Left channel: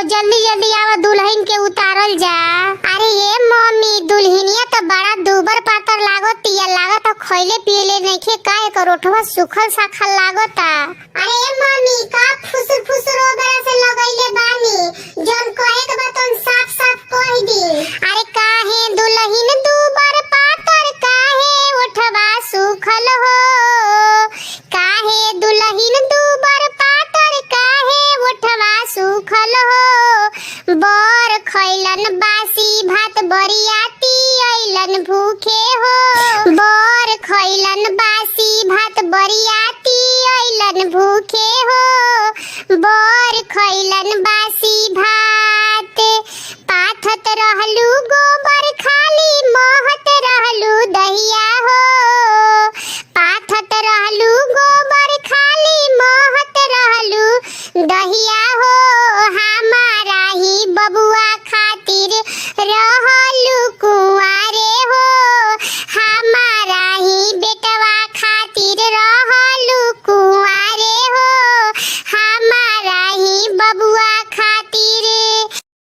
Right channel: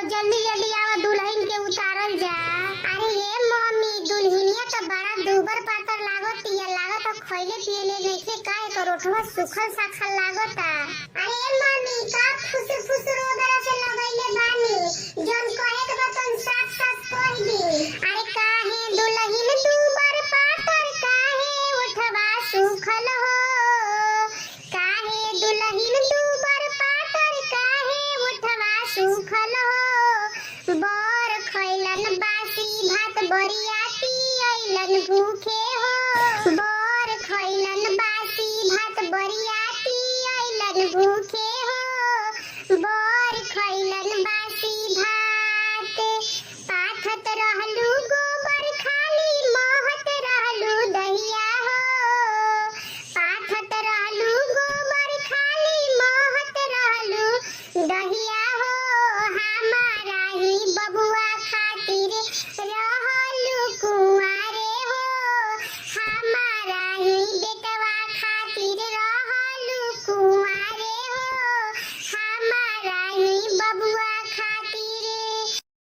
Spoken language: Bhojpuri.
जल्दी जल्दी आवा दुल्हन के उतारल जा। अरे ये मम्मी दुल्हनिया तो बड़ा दुबर पातर लागतिया, लागत तो खइले पियले नइखे, का एकर ओठवा सुखल साखल लागता। अरे ये मम्मी का फुसुर फुसुर ओबरा से लगइले बानी, जौन कहे के बा तोन साफ साफ कह दी। अरे काहे दुल्हन दुबर पातर, काहे ओठवा सुखल हो, काहे दुल्हन दुबर पातर, काहे ओठवा सुखल हो।